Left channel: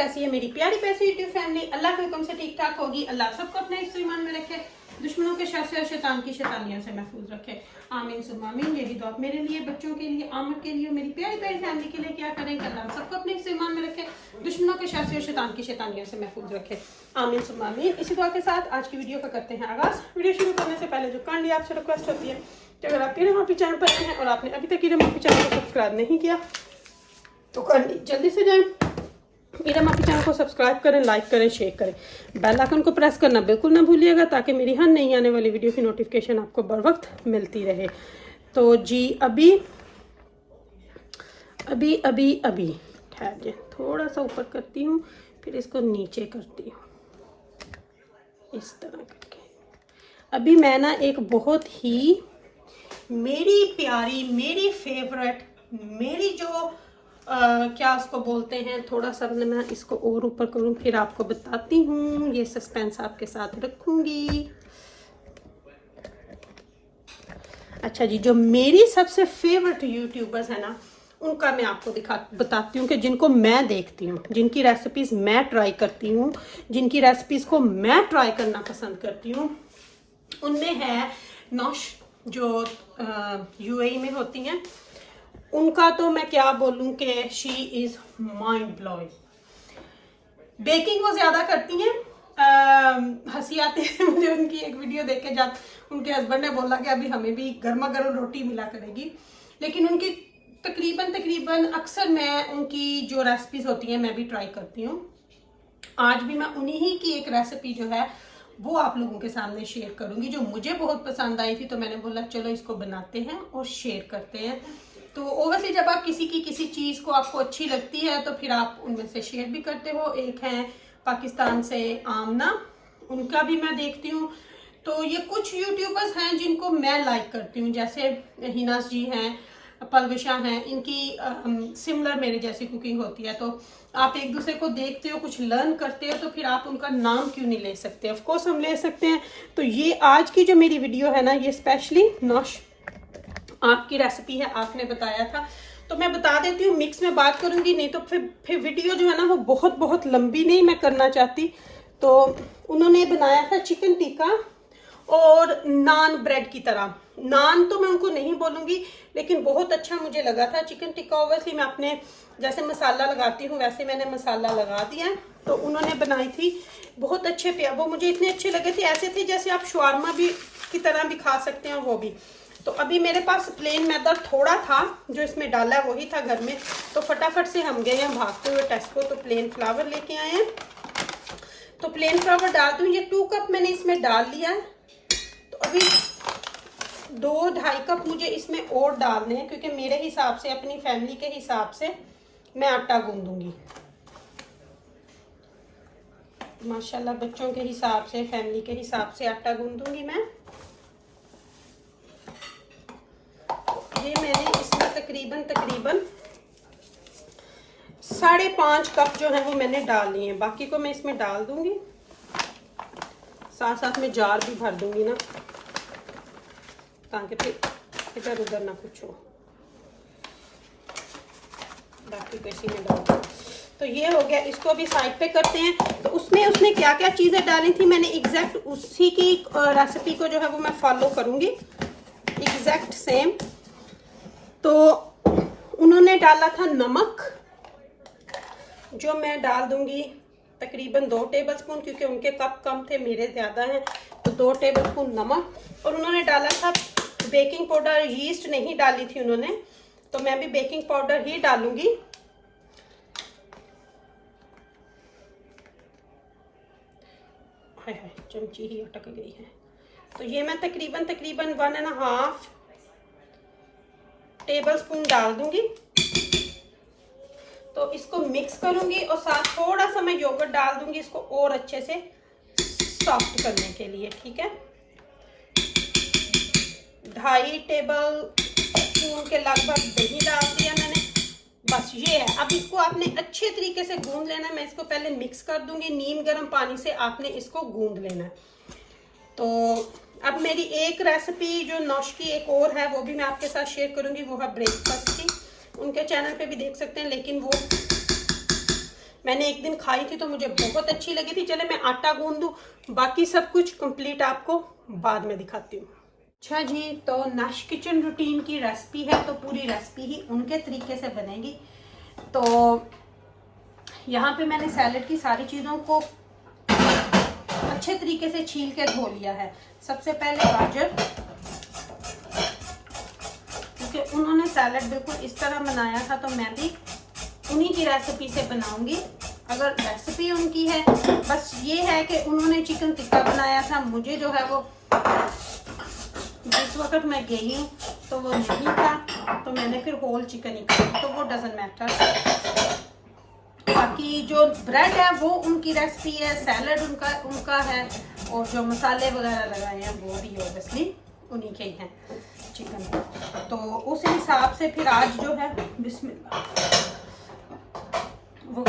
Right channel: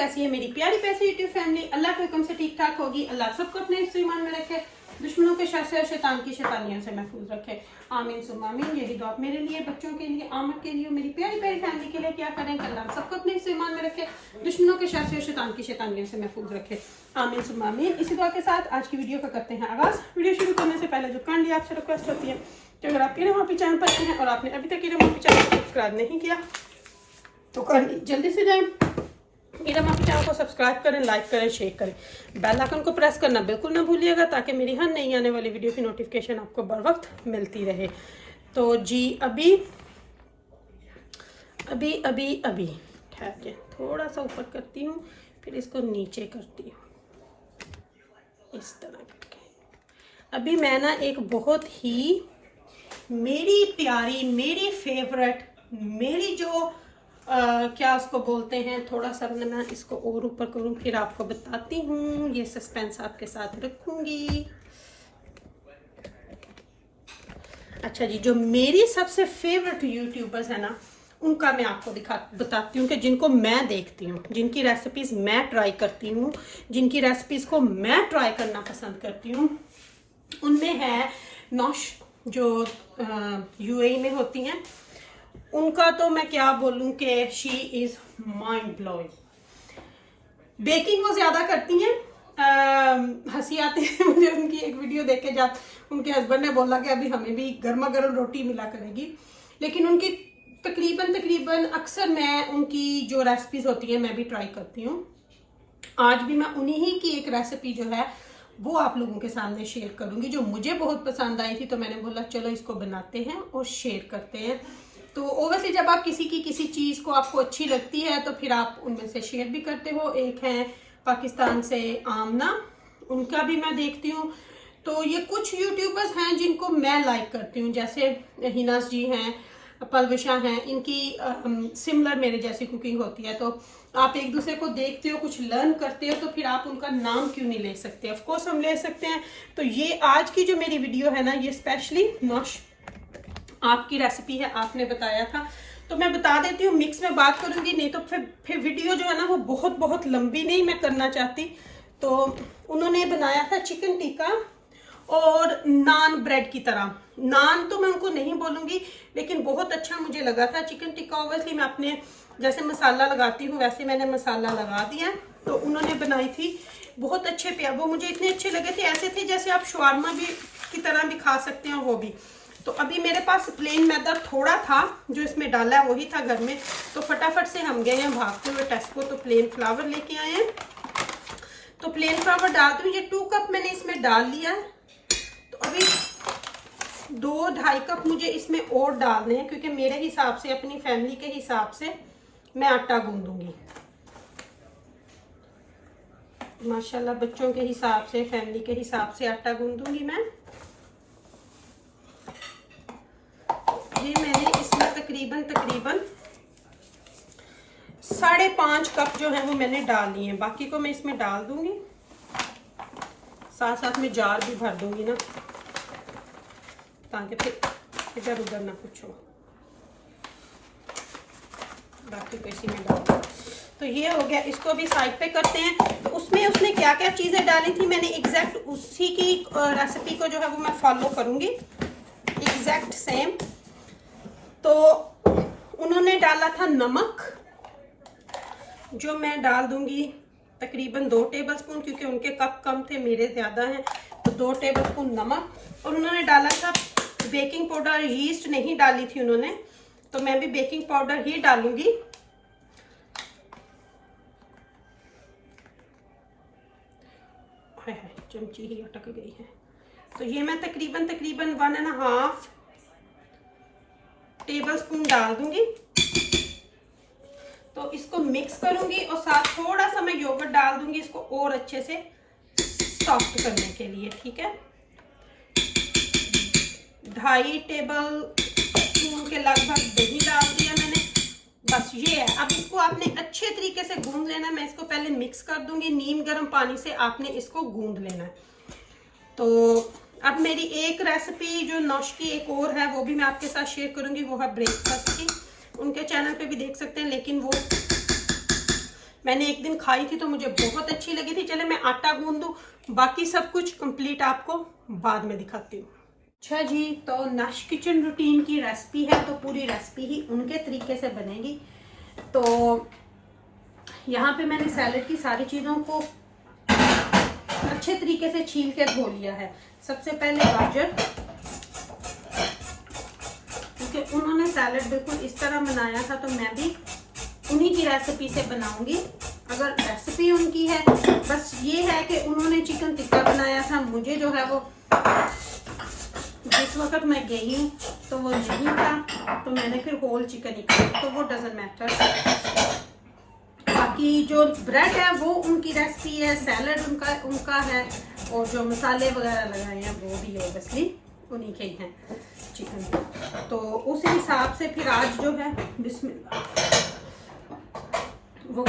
कैसी है मेरी प्यारी पैसी यूट्यूब फैमिली। अल्लाह के हुक्म से ठीक ठाक होगी। अल्लाह सबको अपने इस ईमान में रखे, दुश्मनों के शर से और शैतान की शैतानियों से महफूज रखे। आमीन सुम्मा आमीन। यही दुआ मेरे लिए, बच्चों के लिए, आमद के लिए, मेरी प्यारी प्यारी फैमिली के लिए क्या करें कि अल्लाह सबको अपने इस ईमान में रखे, दुश्मनों के शर से और शैतान की शैतानियों से महफूज रखे। आमीन सुम्मा आमीन। इसी दुआ के साथ आज की वीडियो का करते हैं आगाज। वीडियो शुरू करने से पहले जो काइंडली आपसे रिक्वेस्ट होती है कि अगर आप कीड़े मापी चैनल पर हैं और आपने अभी तक कीड़े मापी चैनल को सब्सक्राइब नहीं किया तो जल्दी से जाएं, कीड़े मापी चैनल को सब्सक्राइब करें, लाइक करें, शेयर करें, बेल आइकन को प्रेस करना बिल्कुल ना भूलिएगा ताकि मेरी हर नई आने वाली वीडियो की नोटिफिकेशन आपको बर वक्त मिलती रहे। तो जी अभी ठहर जाए, थोड़ा सा ऊपर करती हूँ, फिर इसको नीचे करती हूँ इस तरह करके। अभी मैं ना एक बहुत ही मेरी प्यारी, मेरी फेवरेट, मेरी जो क्या उसको बोलते हैं, थोड़ा सा मैं इसको और ऊपर करूँ फिर आपको बताती हूँ, ये सस्पेंस आपके साथ रखूँगी। अच्छा जी, जो मेरी सबसे फेवरेट यूट्यूबर्स है ना, उनका मैं आपको बताती हूँ कि जिनको मैं देखती हूँ, जिनकी रेसिपीज़ मैं ट्राई करती हूँ, जिनकी रेसिपीज़ को मैं ट्राई करना पसंद करती हूँ, उनमें है नौश जो यूएई में होती हैं। उनका तो मैं क्या बोलूँ कि she is mind blowing. Baking वो ज़्यादा करती हैं। हंसी आती है मुझे उनकी एक वीडियो देख के, जब उनके हस्बैंड ने बोला कि अभी हमें भी गर्मा गर्म रोटी मिला करेगी, लेकिन उनकी तकरीबन अक्सर मैं उनकी जो रेसिपीज़ होती हैं मैं भी ट्राई करती हूँ। आज भी मैं उन्हीं की एक रेसिपी जो है वो आप लोगों के सामने शेयर करूँगी, जो मुझे बहुत पसंद आई थी, तो मैंने बोला चलो इसको बनाते हैं और शेयर करते हैं। तो ओवैसे जब आप किसी चीज़ को आपको अच्छी लगती है तो फिर आप उनमें से शेयर भी करते हो। एक है पाकिस्तान से आमना, उनका भी मैं देखती हूँ। तो ये कुछ यूट्यूबर्स हैं जिनको मैं लाइक करती हूँ, जैसे हिनास जी हैं, पलविशा हैं, इनकी सिमिलर मेरे जैसी कुकिंग होती है। तो आप एक दूसरे को देखते हो, कुछ लर्न करते हो, तो फिर आप उनका नाम क्यों नहीं ले सकते? ऑफ कोर्स हम ले सकते हैं। तो ये आज की जो मेरी वीडियो है ना, ये स्पेशली नौश आपकी रेसिपी है, आपने बताया था तो मैं बता देती हूँ। मिक्स में बात करूंगी, नहीं तो फिर वीडियो जो है ना वो बहुत लंबी नहीं मैं करना चाहती। तो उन्होंने बनाया था चिकन टिक्का और नान ब्रेड की तरह। नान तो मैं उनको नहीं बोलूंगी, लेकिन बहुत अच्छा मुझे लगा था चिकन टिक्का। ओवैसे मैं अपने जैसे मसाला लगाती हूँ वैसे मैंने मसाला लगा दिया। तो उन्होंने बनाई थी, बहुत अच्छे प्यार, वो मुझे इतने अच्छे लगे थे, ऐसे थे जैसे आप शवारमा भी की तरह भी खा सकते हैं वो भी। तो अभी मेरे पास प्लेन मैदा थोड़ा था जो इसमें डाला है, वही था घर में, तो फटाफट से हम गए हैं भागते हुए टेस्को, तो प्लेन फ्लावर लेके आए हैं। तो प्लेन फ्लावर डाल दूँ, ये 2 कप मैंने इसमें डाल लिया है। तो अभी 2-2.5 कप मुझे इसमें और डालने हैं, क्योंकि मेरे हिसाब से, अपनी फैमिली के हिसाब से मैं आटा गूंदूंगी। माशाल्लाह बच्चों के हिसाब से, फैमिली के हिसाब से आटा गूंदूंगी मैं। ये मैंने इसमें तकरीबन 5.5 कप जो है वो मैंने डाल लिए हैं, बाकी को मैं इसमें डाल दूंगी। साथ साथ में जार भी भर दूंगी ना, ताकि फिर इधर उधर ना कुछ हो। बाकी को इसी में डाल। तो ये हो गया, इसको भी साइड पे करते हैं। तो उसमें उसने क्या क्या चीज़ें डाली थी, मैंने एग्जैक्ट उसी की रेसिपी को जो है वो मैं फॉलो करूँगी, एग्जैक्ट सेम। तो उन्होंने डाला था नमक, जो मैं डाल दूंगी तकरीबन 2 टेबलस्पून, क्योंकि उनके कप कम थे, मेरे ज़्यादा हैं, तो 2 टेबलस्पून नमक। और उन्होंने डाला था बेकिंग पाउडर, यीस्ट नहीं डाली थी उन्होंने, तो मैं भी बेकिंग पाउडर ही डालूंगी। हाय हाय, चमची ही अटक गई है। तो ये मैं तकरीबन 1.5 टेबलस्पून डाल दूंगी। तो इसको मिक्स करूंगी और साथ थोड़ा सा मैं योगर्ट डाल दूंगी इसको और अच्छे से सॉफ्ट करने के लिए, ठीक है। 2.5 टेबलस्पून के लगभग दही डाल दिया मैंने। बस ये है, अब इसको आपने अच्छे तरीके से गूंद लेना है। मैं इसको पहले मिक्स कर दूंगी, नीम गर्म पानी से आपने इसको गूंद लेना है। तो अब मेरी एक रेसिपी जो नौश की एक और है वो भी मैं आपके साथ शेयर करूंगी, वो है ब्रेकफास्ट की। उनके चैनल पे भी देख सकते हैं, लेकिन वो मैंने एक दिन खाई थी तो मुझे बहुत अच्छी लगी थी। चले मैं आटा गूंद दूँ, बाकी सब कुछ कंप्लीट आपको बाद में दिखाती हूँ। अच्छा जी, तो नश किचन रूटीन की रेसिपी है, तो पूरी रेसिपी ही उनके तरीके से बनेगी। तो यहाँ पे मैंने सैलेड की सारी चीज़ों को अच्छे तरीके से छील के धो लिया है। सबसे पहले गाजर, क्योंकि उन्होंने सैलेड बिल्कुल इस तरह बनाया था तो मैं भी उन्हीं की रेसिपी से बनाऊंगी। अगर रेसिपी उनकी है, बस ये है कि उन्होंने चिकन टिक्का बनाया था, मुझे जो है वो जिस वक्त मैं गई हूँ तो वो नहीं था, तो मैंने फिर होल चिकन ही खाया, तो वो डजंट मैटर। बाकी जो ब्रेड है वो उनकी रेसिपी है, सैलड उनका है, और जो मसाले वगैरह लगाए हैं वो भी ऑब्वियसली उन्हीं के ही हैं चिकन। तो उस हिसाब से फिर आज जो है बिस्मिल्लाह वो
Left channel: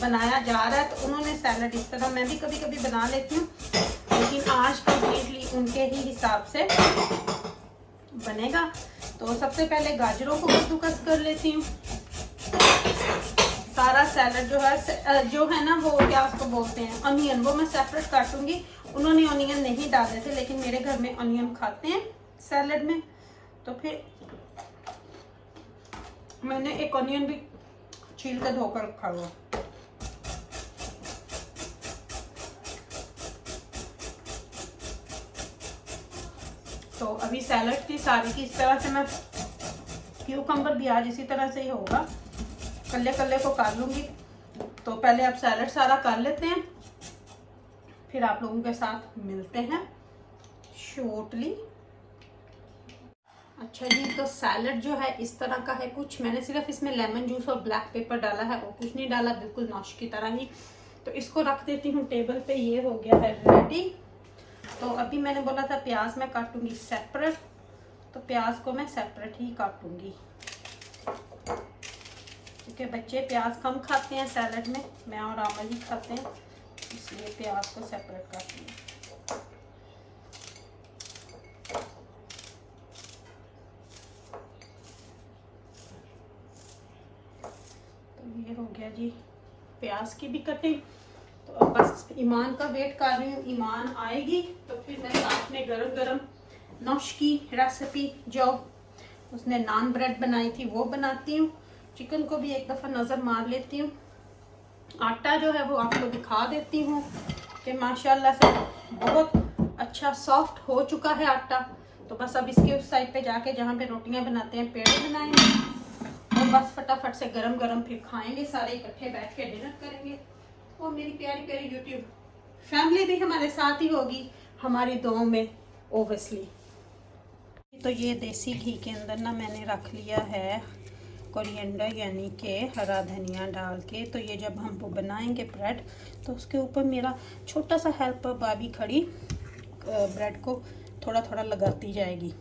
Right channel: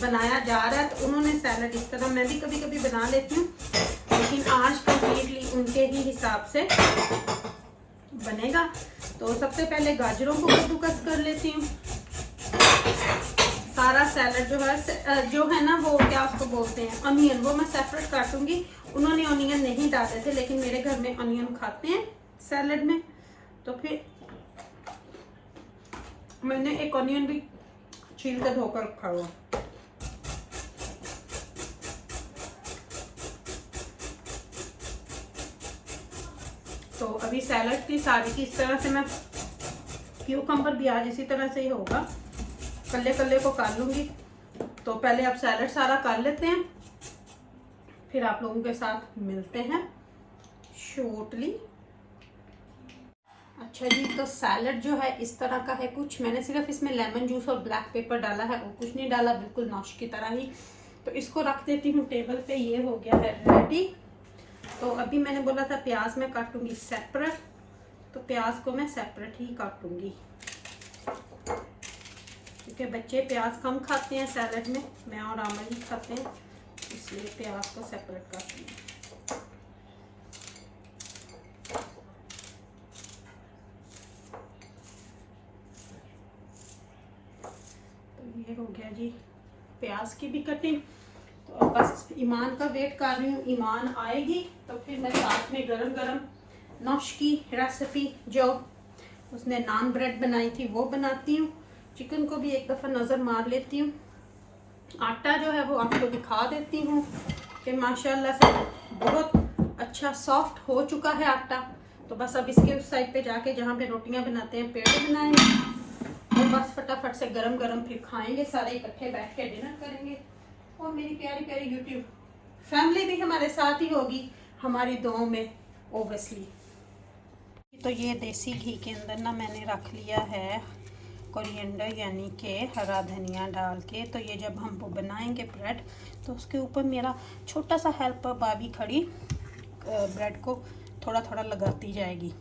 बनाया जा रहा है। तो उन्होंने सैलड इस तरह, मैं भी कभी कभी बना लेती हूँ, लेकिन आज कम्प्लीटली उनके ही हिसाब से बनेगा। तो सबसे पहले गाजरों को कद्दूकस कर लेती हूँ। सारा सैलड जो है ना, वो क्या उसको बोलते हैं, अनियन, वो मैं सेपरेट काटूंगी। उन्होंने अनियन नहीं डाले थे, लेकिन मेरे घर में अनियन खाते हैं सैलड में, तो फिर मैंने एक अनियन भी छील के धोकर रखा हुआ। तो अभी सैलड की सारी की इस तरह से मैं, क्यूकम्बर भी आज इसी तरह से ही होगा, कल्ले कल्ले को काट लूंगी। तो पहले आप सैलड सारा कर लेते हैं, फिर आप लोगों के साथ मिलते हैं शॉर्टली। अच्छा जी, तो सैलड जो है इस तरह का है कुछ। मैंने सिर्फ इसमें लेमन जूस और ब्लैक पेपर डाला है और कुछ नहीं डाला, बिल्कुल नॉश की तरह ही। तो इसको रख देती हूँ टेबल पे। ये हो गया है रेडी। तो अभी मैंने बोला था प्याज मैं काटूंगी सेपरेट, तो प्याज को मैं सेपरेट ही काटूंगी, क्योंकि बच्चे प्याज कम खाते हैं सैलड में, मैं और आमल ही खाते हैं, इसलिए प्याज को सेपरेट काटूंगी। तो ये हो गया जी प्याज की भी कटिंग। तो अब बस ईमान का वेट कर रही हूँ, ईमान आएगी तो फिर मैं साथ में गरम गरम नौश की रेसिपी जो उसने नान ब्रेड बनाई थी वो बनाती हूँ। चिकन को भी एक दफ़ा नज़र मार लेती हूँ। आटा जो है वो आपको दिखा देती हूँ कि माशाल्लाह से बहुत अच्छा सॉफ्ट हो चुका है आटा। तो बस अब इसके उस साइड पे जाके जहाँ पे रोटियाँ बनाते हैं पेड़े बनाएंगे, और बस फटाफट से गरम गरम फिर खाएंगे, सारे इकट्ठे बैठ के डिनर करेंगे। और मेरी प्यारी प्यारी यूट्यूब फैमिली भी हमारे साथ ही होगी हमारी दुआओं में ओबियसली। तो ये देसी घी के अंदर ना मैंने रख लिया है कोरिएंडर, यानी कि हरा धनिया डाल के। तो ये जब हम वो बनाएंगे ब्रेड, तो उसके ऊपर मेरा छोटा सा हेल्पर भाभी खड़ी ब्रेड को थोड़ा थोड़ा लगाती जाएगी।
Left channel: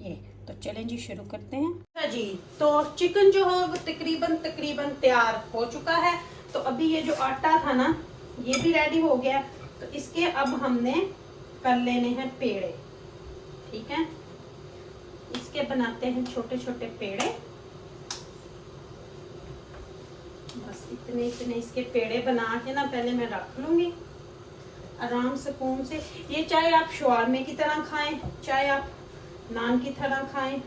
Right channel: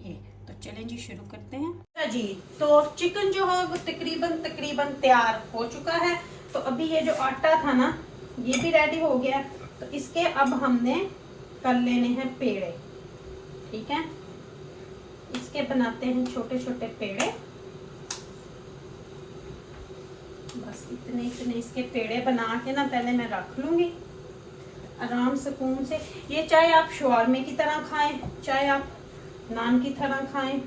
ये तो चलें जी, शुरू करते हैं जी। तो चिकन जो है वो तकरीबन तैयार हो चुका है। तो अभी ये जो आटा था ना, ये भी रेडी हो गया। तो इसके अब हमने कर लेने हैं पेड़े, ठीक है। इसके बनाते हैं छोटे छोटे पेड़े, बस इतने इतने इसके पेड़े बना के ना पहले मैं रख लूंगी आराम सुकून से। ये चाहे आप शवारमे की तरह खाएं, चाहे आप नान की तरह खाएं,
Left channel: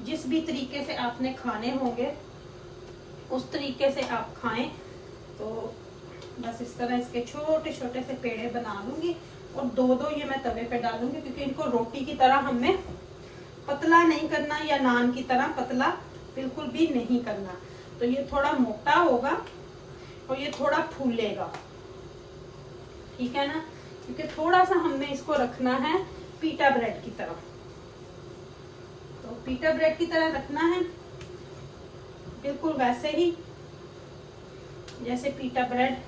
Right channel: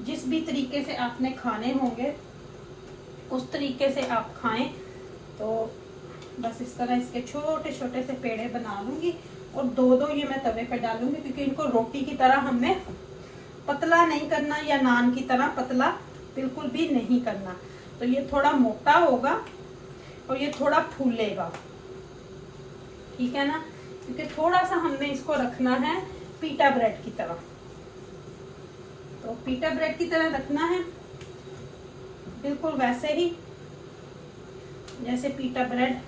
जिस भी तरीके से आपने खाने होंगे उस तरीके से आप खाएं। तो बस इस तरह इसके छोटे छोटे से पेड़े बना लूंगी, और दो दो ये मैं तवे पे डालूंगी, क्योंकि इनको रोटी की तरह हमें पतला नहीं करना, या नान की तरह पतला बिल्कुल भी नहीं करना। तो ये थोड़ा मोटा होगा और ये थोड़ा फूलेगा, ठीक है ना, क्योंकि थोड़ा सा हमने इसको रखना है पीटा ब्रेड की तरह। तो पीटा ब्रेड की तरह रखना है, बिल्कुल वैसे ही जैसे पीटा ब्रेड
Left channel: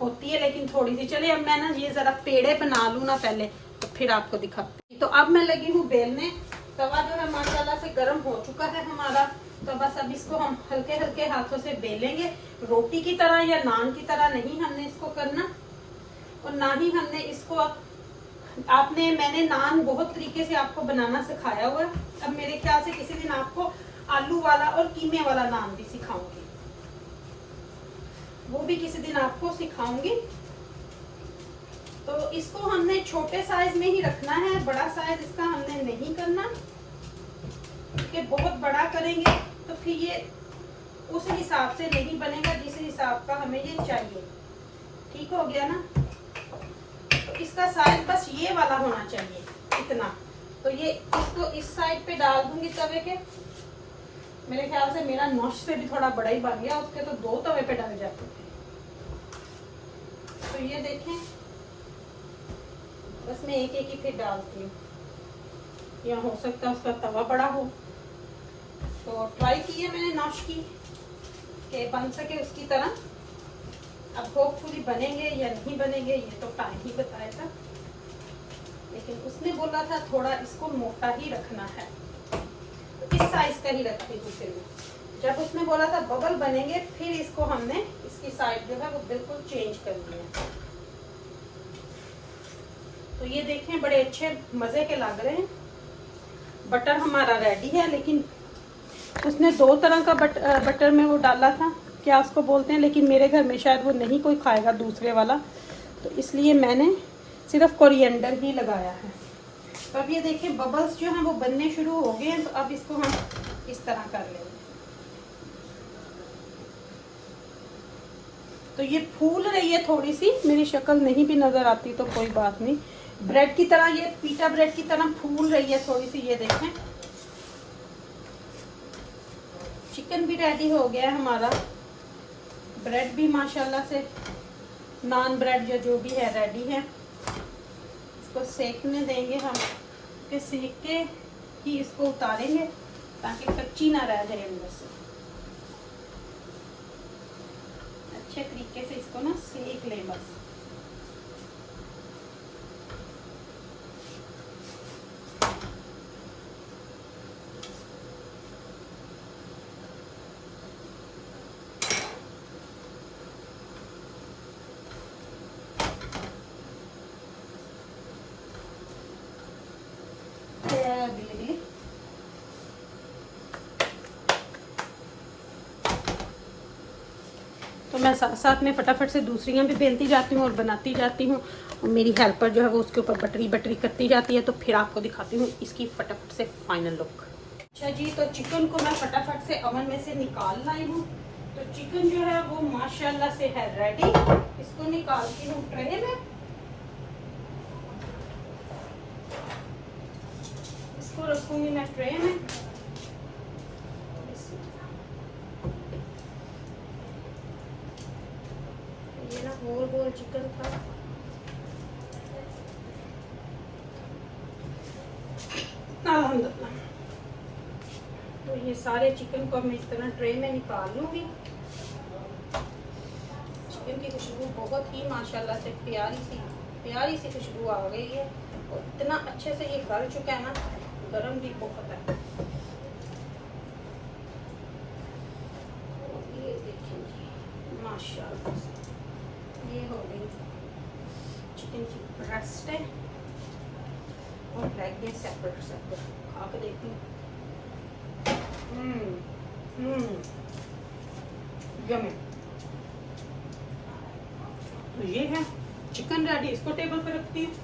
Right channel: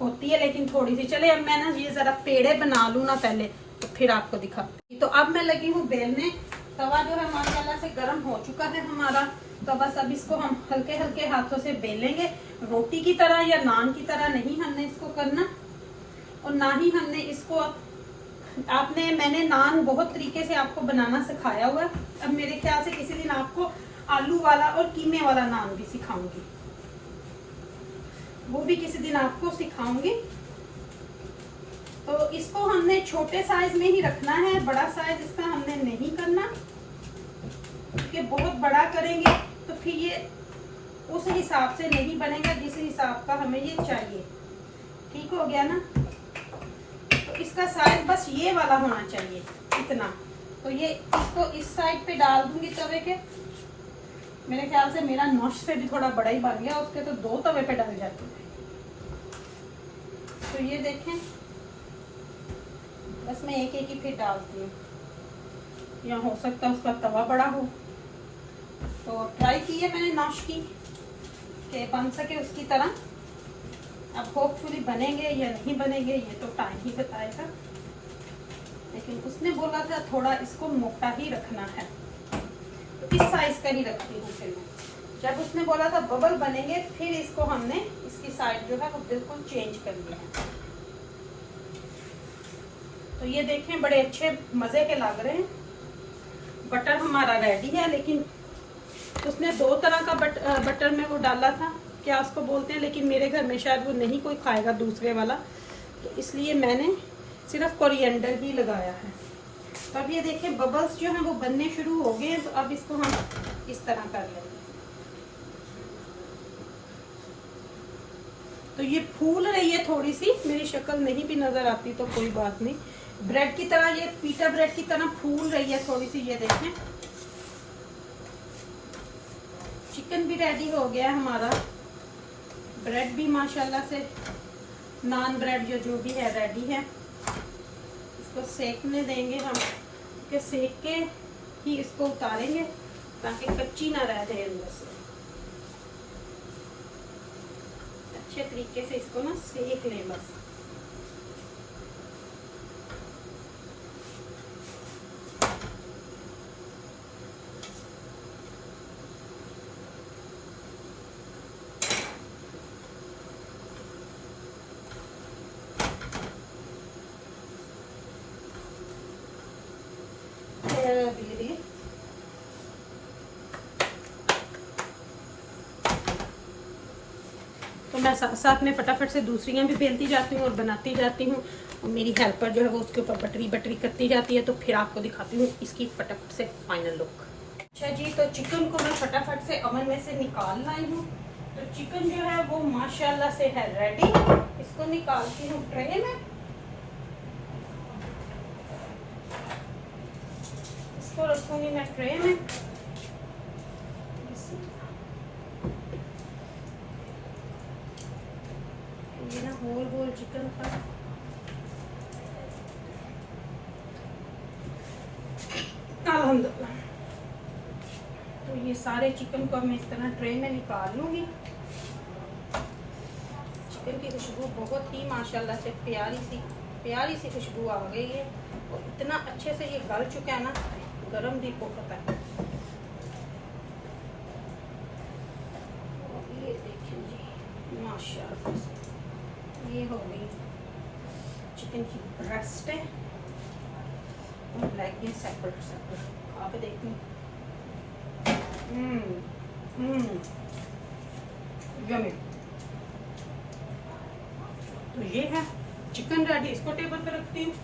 होती है, लेकिन थोड़ी सी। चले अब मैं ना ये जरा पेड़े बना लूँ ना पहले, तो फिर आपको दिखाती। तो अब मैं लगी हूँ बेलने। तवा जो है माशाल्लाह से गर्म हो चुका है हमारा। तो बस अब इसको हम हल्के हल्के हाथों से बेलेंगे, रोटी की तरह या नान की तरह नहीं हमने इसको करना, और ना ही हमने इसको मैंने नान बहुत तरीके से आपको बनाना सिखाया हुआ है। अब मेरे ख्याल से किसी दिन आपको आलू वाला और कीमे वाला नान भी सिखाऊंगी। वो भी किसी दिन आपको सिखाऊंगी। तो इसको हमने छोटे साइज में ही रखना है, बड़ा साइज इसका हमने नहीं करना, क्योंकि बहुत बड़ा करेंगे तो फिर ये उस हिसाब से नहीं बनेगा जिस हिसाब का हमें ये चाहिए। ठीक हो गया ना। तो इसका साइज बस ये वाला होना चाहिए, इतना। तो ये इसको इस साइड पे डाल दूंगी तवे के। मेरे ख्याल से मेरा नौश से भी थोड़ा बड़ा ही बन गया, उसके तो 2 तवे पे डाल जाते थे। तो ये देखें, बस मैं एक एक ही फिर डालती हूँ, या हो सकता है उसका तवा बड़ा हो। तो ट्राई की है मैंने नौश की कि बन सके उसकी तरह। अब होपफुली बनेंगे या नहीं बनेंगे ये तो टाइम ही बताएगा, लेकिन उसने बोला था थोड़ा इसको मोटा ही रखना है, तो इस साइज का ही रखती हूँ। फिर जब उसने बोला था बबल बनेंगे, फिर इसको हमने इसकी साइड जो है वो बिल्कुल चेंज कर लिया है। तो ये देखें बड़े अच्छे मजे के लग रहे हैं। बटर हमारा रेडी है, लेकिन उसने 2 तरह का बटर में वो डाला था, क्या उसको बोलते हैं, लेकिन मेरे घर में शायद वो नहीं कोई खाएगा दूसरे वाला, तो इसलिए मैंने सिर्फ कोरिएंडर ही लगाया है। तो अब ये देखें बबल्स जो हैं वो बनने शुरू हो गए हैं। तो अब इसको हम इस तरह कर लेंगे। तो ये फूल रही है थोड़ी सी, मेरी शक्ल नहीं भी नजर आती तो कोई बात नहीं। ब्रेड की तरह, ये पीटा ब्रेड की तरह फूल रही है थोड़ी सी। ये देखें चिकन भी रेडी हो गया है हमारा, ब्रेड भी माशाल्लाह से, नान ब्रेड या जो भी है रेडी है। इसको सेकने देंगे हम, कि सेक के ही इसको उतारेंगे ताकि कच्ची ना रह जाए अंदर से। अच्छे तरीके से इसको ना सेक लें बस। तो मैं साथ साथ में फटाफट से दूसरियाँ भी बेलती जाती हूँ और बनाती जाती हूँ। मेरी हेल्पर जो है वो उसके ऊपर बटरी बटरी करती जाती है। तो फिर आपको दिखाती हूँ इसकी फटाफट से फाइनल लुक। अच्छा जी, तो चिकन को मैं फटाफट से ओवन में से निकाल लाई हूँ। तो चिकन जो है वो माशाल्लाह से है रेडी। इसको निकालती हूँ ट्रे में। इसको रखूंगी मैं ट्रे में। ये ना गोल गोल चिकन का अल्हम्दुलिल्लाह। तो ये सारे चिकन को मैं इस तरह ट्रे में निकाल लूंगी। चिकन की खुशबू बहुत ही माशाल्लाह से प्यारी सी खुशबू आ गई है, और इतना अच्छे से ये गल चुका है ना, गरम भी को पता है। ये देखिए माशाल्लाह से ये हो गई चिकन की ब्रेस्ट है, और लेग ये सेपरेट आप देखिए। यम्मी। तो ये है चिकन रेडी। इसको टेबल पर रखती हूँ।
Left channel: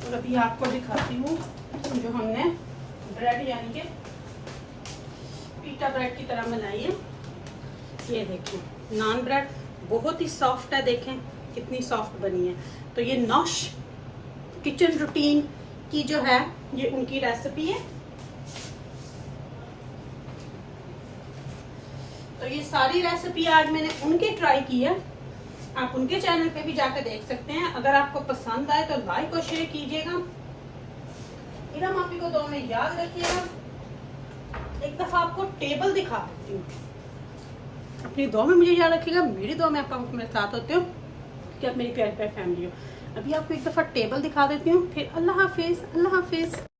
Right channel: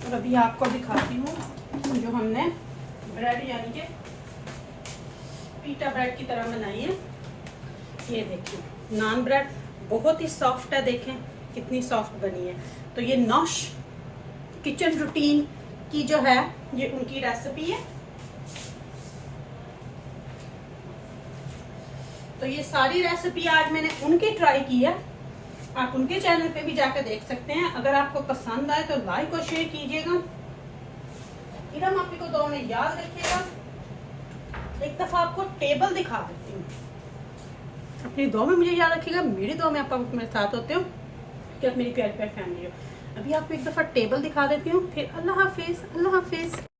और अभी आपको दिखाती हूँ जो हमने ब्रेड यानी कि पीटा ब्रेड की तरह बनाई है। ये देखिए नान ब्रेड बहुत ही सॉफ्ट है, देखें कितनी सॉफ्ट बनी है। तो ये नौश किचन रूटीन की जो है ये उनकी रेसिपी है। तो ये सारी रेसिपी आज मैंने उनकी ट्राई की है। आप उनके चैनल पे भी जाकर देख सकते हैं। अगर आपको पसंद आए तो लाइक और शेयर कीजिएगा। इरम आपी को दो में याद रखिएगा। एक दफा आपको टेबल दिखा देती हूँ, अपनी दुआ में मुझे याद रखिएगा। मेरी दुआ में आप मेरे साथ होते हो कि आप मेरी प्यारी प्यारी फैमिली हो। अभी आपको एक दफा टेबल दिखा देती हूँ, फिर अल्लाह हाफिज।